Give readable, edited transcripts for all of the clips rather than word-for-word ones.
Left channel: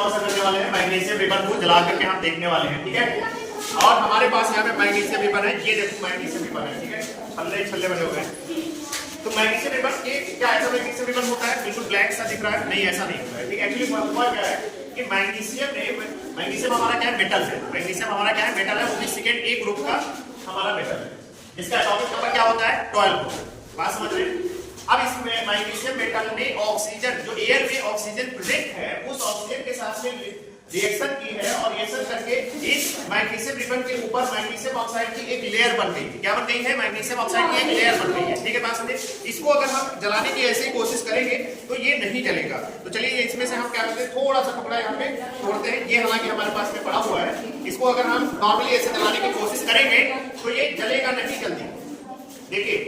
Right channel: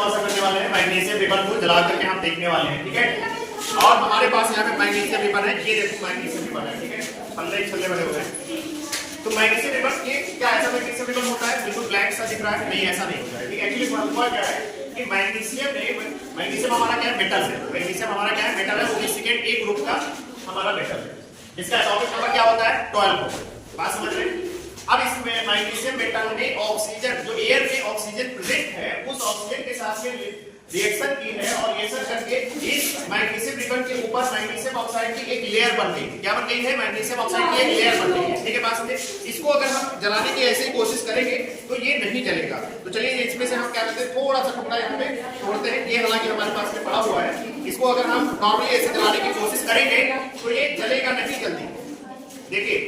कौन सा करने वाले हैं, मैग्नीशियम रिबन को जला करके हम देखने वाले हैं, ठीक है। और हमारे पास यहाँ पे मैग्नीशियम रिबन है, ये देखो मैग्नीशियम रिबन है, ठीक है, छल्ले छल्ले बने हुए हैं। तो मैग्नीशियम रिबन ये क्या ऐसा मैग्नीशियम रिबन होता है बिल्कुल ब्लैक सा दिख रहा है? नहीं, ऐसा नहीं होता है, ठीक है। एक्चुअली हुआ क्या है कि मैग्नीशियम हमारा क्या है, मेटल है। मैग्नीशियम हमारा क्या है, मेटल है, वो भी सेकेंड ए ग्रुप का हमारा मेटल है। इसका एटॉमिक नंबर क्या होता है, 12। बात समझ में? अब इसमें मैग्नीशियम मेटल में ऑक्सीजन, जो एयर में ऑक्सीजन प्रेजेंट है, उस ऑक्सीजन के साथ में रिएक्शन की है और रिएक्शन करके इस मैग्नीशियम रिबन के ऊपर मैग्नीशियम ऑक्साइड की एक लेयर बन गई। क्या बन गई है? मैग्नीशियम ऑक्साइड की एक लेयर बन गई है, ठीक है। बात समझे? इसको अगर हम जलाने की ऐसे ही कोशिश करेंगे तो ये नहीं जलेगा। तो चलिए इसमें से हम क्या करते हैं, थोड़ा सा टुकड़ा यहाँ पे तोड़ते हैं। ये हालांकि हमारे पास में पड़ा हुआ है, इसको अगर हम नॉर्मली ऐसे जलाने की कोशिश करेंगे तो ये जलेगा नहीं जल्दी। देखिए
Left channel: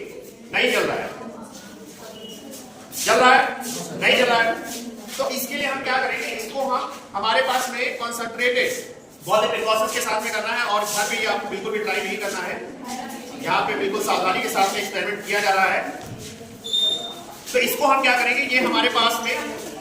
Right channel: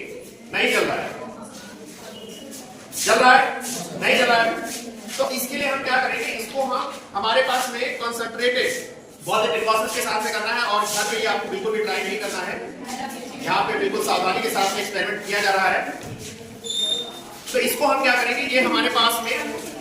नहीं जल रहा है, जल रहा है नहीं जल रहा है। तो इसके लिए हम क्या करेंगे, इसको हम हमारे पास में कंसंट्रेटेड बहुत प्रिकॉशंस के साथ में करना है और घर पे आपको बिल्कुल भी ट्राई नहीं करना है। यहाँ पे बिल्कुल सावधानी के साथ में एक्सपेरिमेंट किया जा रहा है। तो इसको हम क्या करेंगे, ये हमारे पास में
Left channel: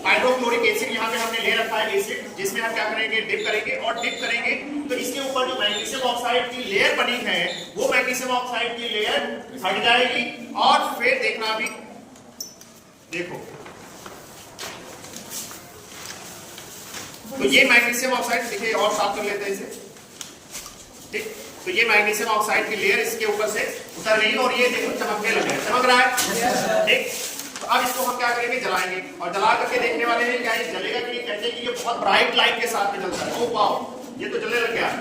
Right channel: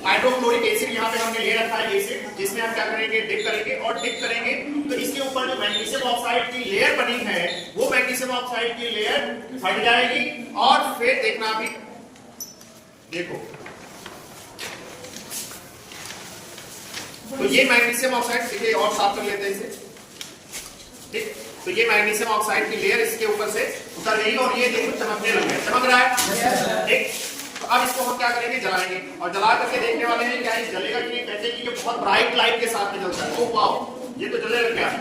हाइड्रोक्लोरिक एसिड यहाँ पे हमने ले रखा है एसिड, जिसमें हम क्या करेंगे, डिप करेंगे और डिप करेंगे तो इसके ऊपर जो मैग्नीशियम ऑक्साइड की लेयर बनी है वो मैग्नीशियम ऑक्साइड की लेयर हट जाएगी। और फिर देखना अभी देखो, तो ये मैग्नीशियम ऑक्साइड देखिए, और साफ कर लेते हैं इसे, ठीक। तो ये मैग्नीशियम ऑक्साइड की लेयर इसके ऊपर से उतर गई और ये देखो चमकने लग गया, चमक रहा है, ठीक। तो अब इसको हम क्या करेंगे, जलाएंगे और जला करके देखने वाले हैं क्या ये जलेगा कि नहीं। कहते हैं कि ये बहुत ब्राइट लाइट के साथ में जलता है। ओह वाह, ये तो जलने लग गया।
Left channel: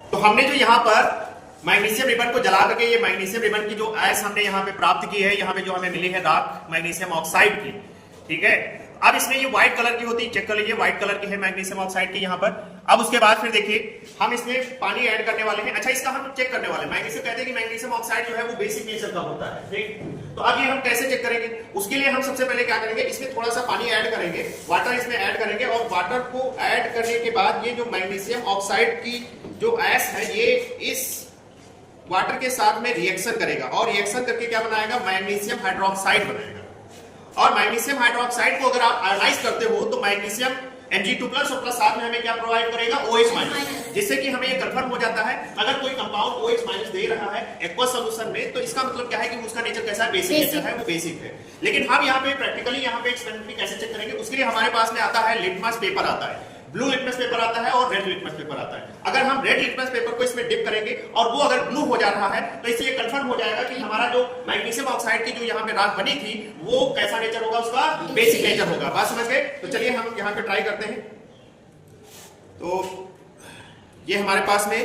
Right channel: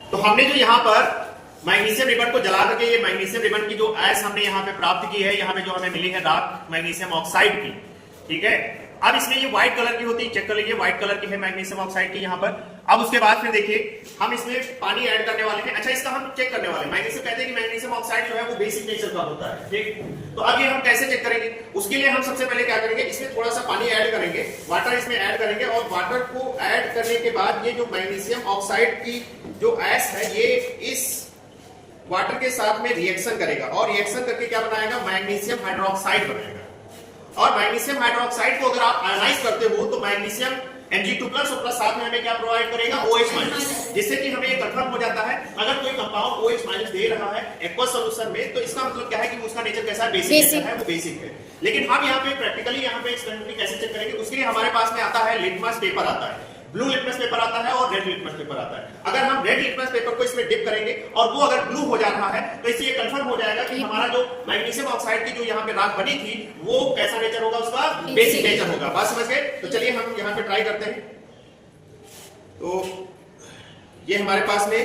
तो हमने जो यहाँ पर मैग्नीशियम रिबन को जला करके ये मैग्नीशियम रिबन की जो ऐश हमने यहाँ पे प्राप्त की है, यहाँ पे जो हमें मिली है डार्क मैग्नीशियम ऑक्साइड की, ठीक है। अब इसमें ये व्हाइट कलर की होती है, चेक कर लीजिए, व्हाइट कलर की है मैग्नीशियम ऑक्साइड की यहाँ पर। अब उसके बाद फिर देखिए हम इसमें पानी ऐड करने वाले हैं। अच्छा, इसका हम चेक करने वाले हैं। मैग्नीशियम कहते हैं कि मैग्नीशियम ऑक्साइड जो है वो बेसिक नेचर का होता है, ठीक। तो अब ये हम कैसे चेक करेंगे, उसके लिए हम सबसे पहले क्या करेंगे, इसमें थोड़ा सा पानी ऐड करेंगे, वाटर इसमें ऐड करेंगे और वाटर को ऐड करने के बाद ये जो मैग्नीशियम ऑक्साइड की जो ऐश है ये इस वाटर के साथ में रिएक्शन करेगा और रिएक्शन करके क्या बनाएगा, मैग्नीशियम हाइड्रोक्साइड बनाएगा। और मैग्नीशियम हाइड्रोक्साइड को अगर आप आयनाइज करते हो तो मैग्नीशियम Mg2+ और प्लस साथ में हमें क्या प्रोवाइड करेगा, OH-, जिससे कि हमें ये कंफर्म हो जाता है अगर कोई कंपाउंड OH- दे रहा है एक्वस सॉल्यूशन में तो इसका मतलब क्या है कि उसका नेचर कैसा है, बेसिक नेचर है, वो बेसिक है। लेकिन हम यहाँ पे प्रैक्टिकली यहाँ पे एक्सपेरिमेंटली कैसे चेक करेंगे, उसके लिए हमारे पास में आता है लिटमस पेपर आता है, ब्लू लिटमस पेपर आता है और रेड लिटमस पेपर आता है। अगर हम रेड लिटमस पेपर को इसमें डिप करेंगे और वो अगर ब्लू हो जा रहा है तो इससे ये कंफर्म हो जाएगा कि हमारा जो मैग्नीशियम ऑक्साइड की जो यहाँ पे राख बनी थी वो कैसा नेचर होगा, उसका बेसिक नेचर होगा। बात समझ गए? तो चलिए हम यहाँ पे ट्राई करते हैं। तो ये हमारे पास में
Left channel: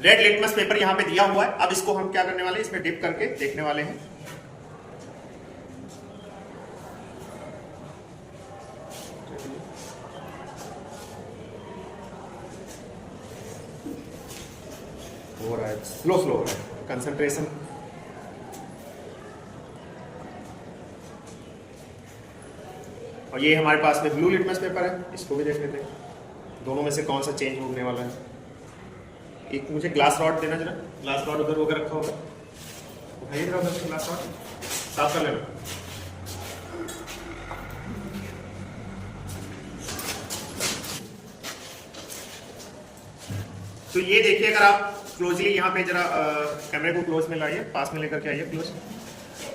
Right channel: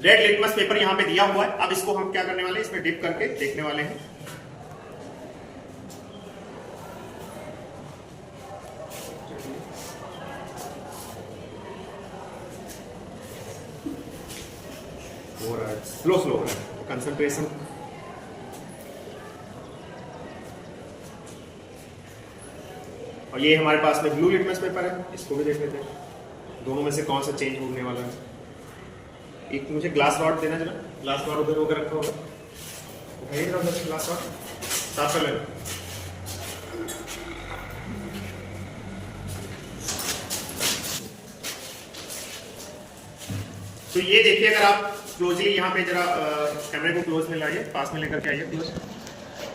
रेड लिटमस पेपर यहाँ पे दिया हुआ है। अब इसको हम क्या करने वाले हैं, इसमें डिप करके देखने वाले हैं। हो रहा है, स्लो स्लो हो रहा है कंसंट्रेशन। और ये हमारे पास में ब्लू लिटमस पेपर है, इसको भी देख लेते हैं दोनों में से कौन सा चेंज होने वाला है। एक मुझे ग्लास रॉड देना जरा, ग्लास रॉड उधर होकर रखा होगा, उठाइए जरा उधर से ग्लास रॉड, साफ कर लेना। तो ये देखिए, अगर आप क्लोजली यहाँ पे जरा कैमरे को क्लोज में लाइए, पास में लेकर के आइए क्लोज।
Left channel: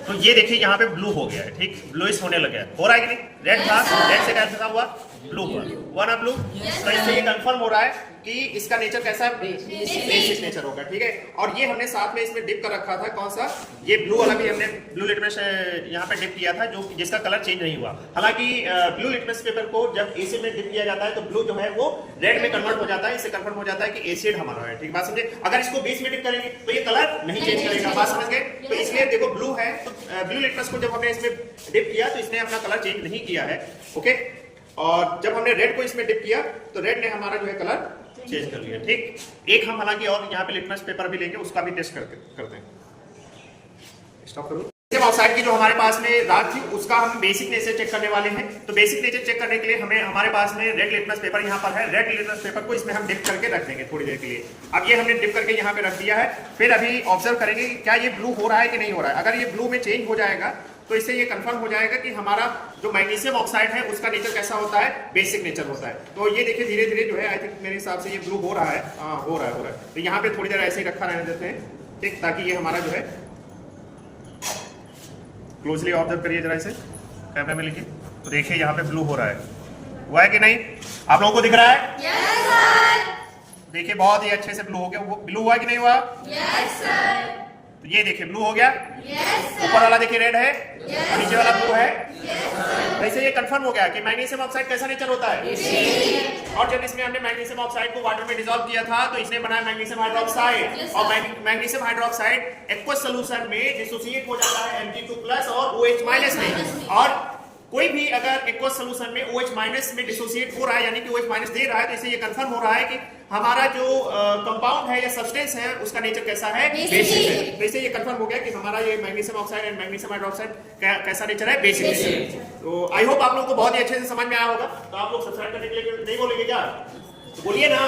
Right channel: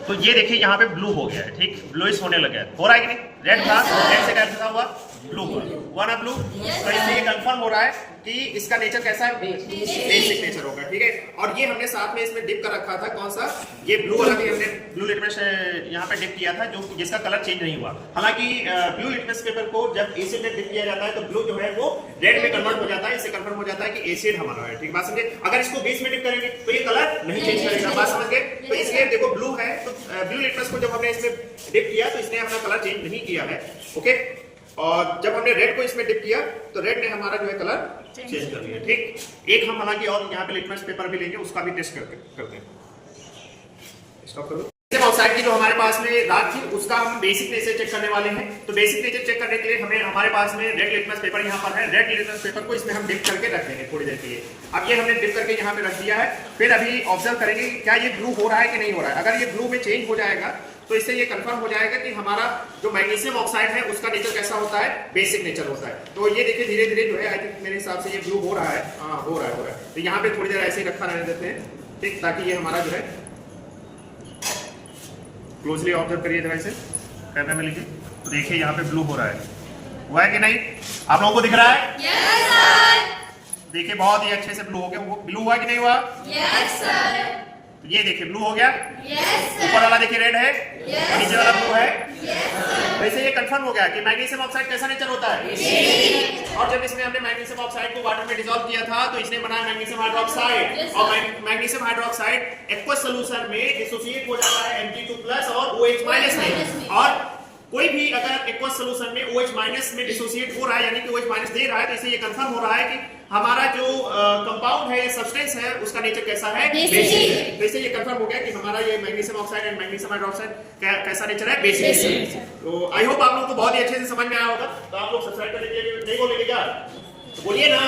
तो ये देखिए यहाँ पे ब्लू हो गया है, ठीक, ब्लूइश होने लगा है। हो रहा है कि नहीं, रेड था, रेड से क्या हुआ, ब्लू हुआ ना ब्लू। तो इससे ये कंफर्म हो रहा है कि इसका नेचर कैसा है, बेसिक नेचर होगा, ठीक है। और ये हमने साथ में इसमें डिप कर रखा था, कौन सा, ये ब्लू वाला भी हमने ब्लू लिटमस यहाँ पे डिप किया था, जो जिसका कलर चेंज नहीं हुआ। हालांकि ब्लू लिटमस पेपर को जब एसिड में डिप किया जाता है तो ब्लू जो है वो रेड में कन्वर्ट हो जाता है। इससे कंफर्म हो जाता है कि एसिड हमारा है, ठीक, बात समझे। अगर इसको बेस में डिप करेंगे तो ये कलर नहीं चेंज करेगा, बात समझ गए। तो इसलिए देखो ब्लू है, तो ब्लू लिटमस को जब हमने इसमें डिप किया तो इसने अपना कलर चेंज नहीं किया है, ओके। और जब हमने रेड को इसमें डिप किया तो रेड ने हमारा जो है कलर चेंज कर लिया, ठीक। एक हम हालांकि और यहाँ पे लिटमस पेपर भी लेंगे, उसका भी टेस्ट करते हैं। स्टॉप करो। ऑक्साइड की जो हमारे पास में रात थी उसका हम बेसिक नेचर चेक करने वाले हैं। तो बेसिक नेचर चेक करने के लिए हमें हमारे पास में रेड लिटमस पेपर यहाँ पर है। रेड लिटमस पेपर को इसमें हम डिप करके रख देंगे थोड़ी देर के लिए। अब ये हमने डिप करके यहाँ पे रख दिया है। फिर अभी ऑब्जर्व करेंगे क्या ये ब्लू हो रहा है कि नहीं हो रहा है। अगर ये ब्लू में चेंज हो जाएगा तो इससे ये कंफर्म हो जाएगा कि हमारा जो मैग्नीशियम ऑक्साइड है उसका नेचर कैसा होता है, बेसिक नेचर होता है। तो ये देखिए धीरे धीरे जो है आई थिंक मेरे हिसाब से ये ब्लू हो रहा है। हाँ हो रहा है। तो यहाँ पे थोड़ी देर ऐसे ही रखा रहने देते हैं, ठीक, ताकि ये हमारा जो है क्लोजली ऑब्जर्व करिए जरा इसे कैमरे में लिखिए। तो देखिए यहाँ पे ब्लू हो रहा है, हुआ है कि नहीं, आप लोगों को दिख रहा है? Yes sir. देखिए बहुत ही अच्छे से ब्लू हो गया। वो ब्लू हुआ कि नहीं हुआ? Yes sir. तो ये देखिए ब्लू हो गया। Yes sir. ऊपर वाला देखिए रेड है, Yes, नीचे वाला ब्लू है। Yes sir. वैसे ये कंफर्म हो गया कि मैग्नीशियम ऑक्साइड कैसा नेचर होता है। और जब इसमें हमने मैग्नीशियम ऑक्साइड को वाटर में डिसॉल्व किया था तो इसने बनाया मैग्नीशियम हाइड्रोक्साइड। Yes, और मैग्नीशियम हाइड्रोक्साइड एक्वस सॉल्यूशन में डिसोसिएट हो जाता है Mg2+ और OH- में। और कोई भी अगर एक्वस सॉल्यूशन में OH- में डिसोसिएट हो रहा है यानी कि OH- दे रहा है तो इससे ये कंफर्म हो रहा है कि हमारा जो कंपाउंड है या सब्सटेंस है उसका नेचर कैसा है, बेसिक। वैसे ये कंफर्म हो गया कि हमारा ये magnesium oxide and magnesium hydroxide कैसा नेचर है, बेसिक। तो आई होप आप लोगों को बहुत ही अच्छे से समझ में आया होगा। तो आप लोग सब्सक्राइब करने के लिए नहीं बोलेंगे क्या? तो बोलिए ना।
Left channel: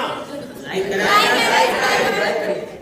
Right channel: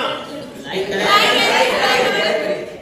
लाइक करें।